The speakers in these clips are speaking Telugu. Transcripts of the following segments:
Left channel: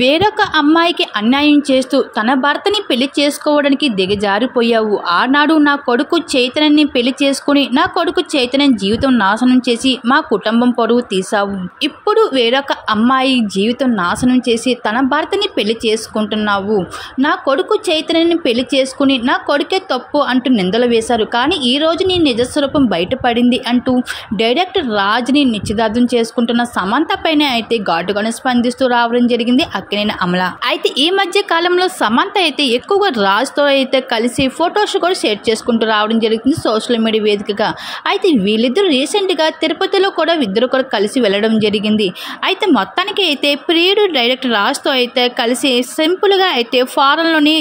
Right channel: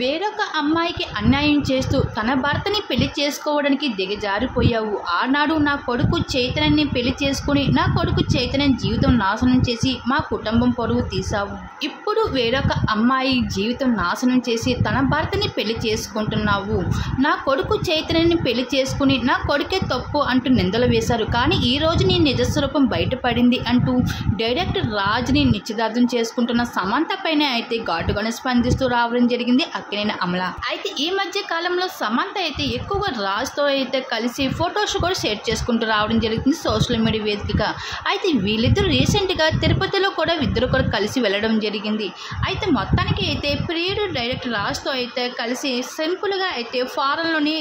వేరొక అమ్మాయికి అన్యాయం చేస్తూ తన భర్తని పెళ్లి చేసుకోవడానికి దిగజారిపోయావు. ఆనాడు నా కొడుకు చైతన్యని పెళ్లి చేసుకుని నా కొడుకు చైతన్యం జీవితం నాశనం చేసి మా కుటుంబం పరువు తీశావు. ఇప్పుడు వేరొక అమ్మాయి జీవితం నాశనం చేసి తన భర్తని పెళ్లి చేసుకుంటున్నావు. నా కొడుకు చైతన్యని పెళ్లి చేసుకుని నా కొడుకే తప్పు అంటూ నిందలు వేశారు. కానీ ఈ రోజు నీ నిజస్వరూపం బయటపడింది అంటూ డైరెక్టర్ రాజ్ని నిశ్చితార్థం చేసుకుంటున్న సమంత పైన అయితే ఘాటుగానే స్పందిస్తూ రావడం జరిగింది అక్కినేని అమల. అయితే ఈ మధ్య కాలంలో సమంత అయితే ఎక్కువగా రాజ్తో అయితే కలిసి ఫొటోస్ కూడా షేర్ చేసుకుంటూ రావడం జరుగుతుంది సోషల్ మీడియా వేదికగా. అయితే వీళ్ళిద్దరు రీసెంట్గా తిరుపతిలో కూడా ఇద్దరు కూడా కలిసి వెళ్ళడం జరిగింది. అయితే మొత్తానికి అయితే ప్రియుడు డైరెక్టర్ రాజ్తో అయితే కలిసి సింపుల్గా అయితే ఫారెన్లోని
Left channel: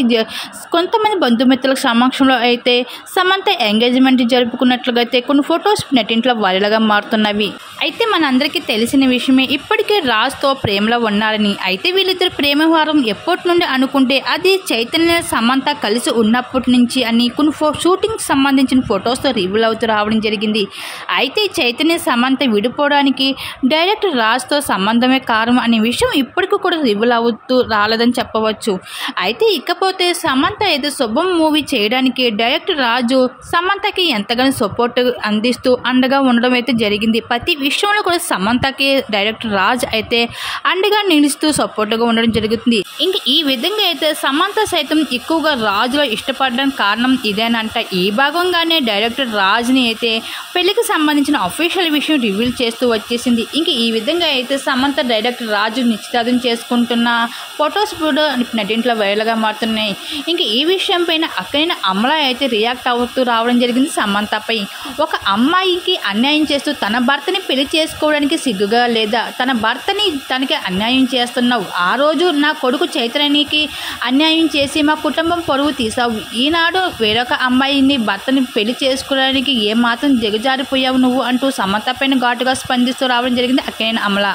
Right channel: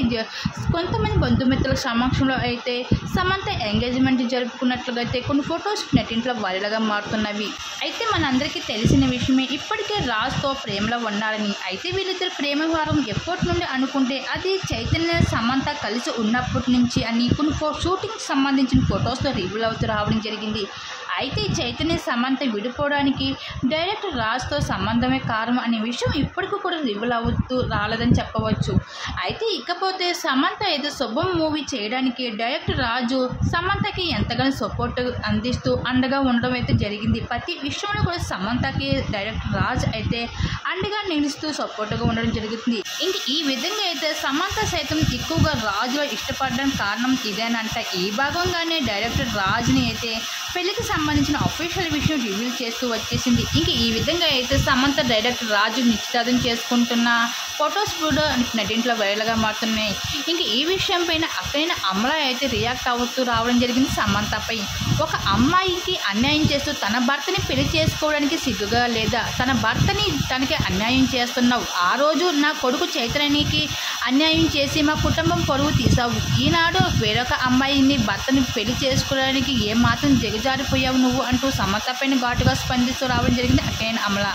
కొంతమంది బంధుమిత్రుల సమక్షంలో అయితే సమంత ఎంగేజ్మెంట్ జరుపుకున్నట్లుగా అయితే కొన్ని ఫొటోస్ నెట్టింట్లో వైరల్గా మారుతున్నవి. అయితే మనందరికీ తెలిసిన విషయమే ఇప్పటికే రాజ్తో ప్రేమలో ఉన్నారని. అయితే వీళ్ళిద్దరు ప్రేమ వ్యవహారం ఎప్పటి నుండి అనుకుంటే అది చైతన్య సమంత కలిసి ఉన్నప్పటి నుంచి అని కొన్ని షూటింగ్కి సంబంధించిన ఫొటోస్తో రివీల్ అవుతూ రావడం జరిగింది. అయితే చైతన్య సమంత విడిపోవడానికి డైరెక్టర్ రాజ్తో సంబంధమే కారణం అనే విషయం ఇప్పటికీ కూడా రివీల్ అవుతూ రాలేదని చెప్పవచ్చు. అయితే ఇకపోతే సమంత ఏదో శుభం మూవీ చేయడానికి డైరెక్టర్ రాజు సమంతకి ఎంతగానో సపోర్ట్ అందిస్తూ అండగా ఉండడం అయితే జరిగింది. ప్రతి విషయంలో కూడా సమంతకి డైరెక్టర్ రాజ్ అయితే అండగా నిలుస్తూ సపోర్ట్గా ఉండడం జరుగుతుంది. ఇంకా ఈ విధంగా అయితే సమంత సైతం ఎక్కువగా రాజులో ఇష్టపడడానికి కారణం ఇదేనంట. ఈ భాగంగానే డైరెక్టర్ రాజ్ని అయితే పెళ్లికి సంబంధించిన అఫీషియల్ విషయం రివీల్ చేస్తూ వచ్చేసింది. ఇంక ఈ విధంగా అయితే సమంత డైరెక్టర్ రాజు నిశ్చితార్థం చేసుకుంటున్న ఫొటోస్ కూడా నెట్టింట్లో వైరల్గా మారుతున్నాయి. ఇంక ఈ విషయం పైన అక్కడైన అమల అయితే రియాక్ట్ అవుతూ రావడం జరిగింది సమంతపై. ఒక అమ్మాయికి అన్యాయం చేస్తూ తన భర్తని పెళ్లి చేసుకోవడానికి సిగ్గుగా లేదా? తన భర్తని తనకి అన్యాయం చేస్తున్నావు. ఆ రోజు నా కొడుకు చైతన్యకి అన్యాయం చేసి మా కుటుంబం పరువు తీసావు. ఈనాడు వేరొక అమ్మాయిని భర్తని పెళ్లి చేసుకోవడానికి ఏమాత్రం దిగజారిపోయావు నువ్వు అంటూ సమంత పైన ఘాటుగా స్పందిస్తూ రావడం జరిగింది అక్కినేని అమల.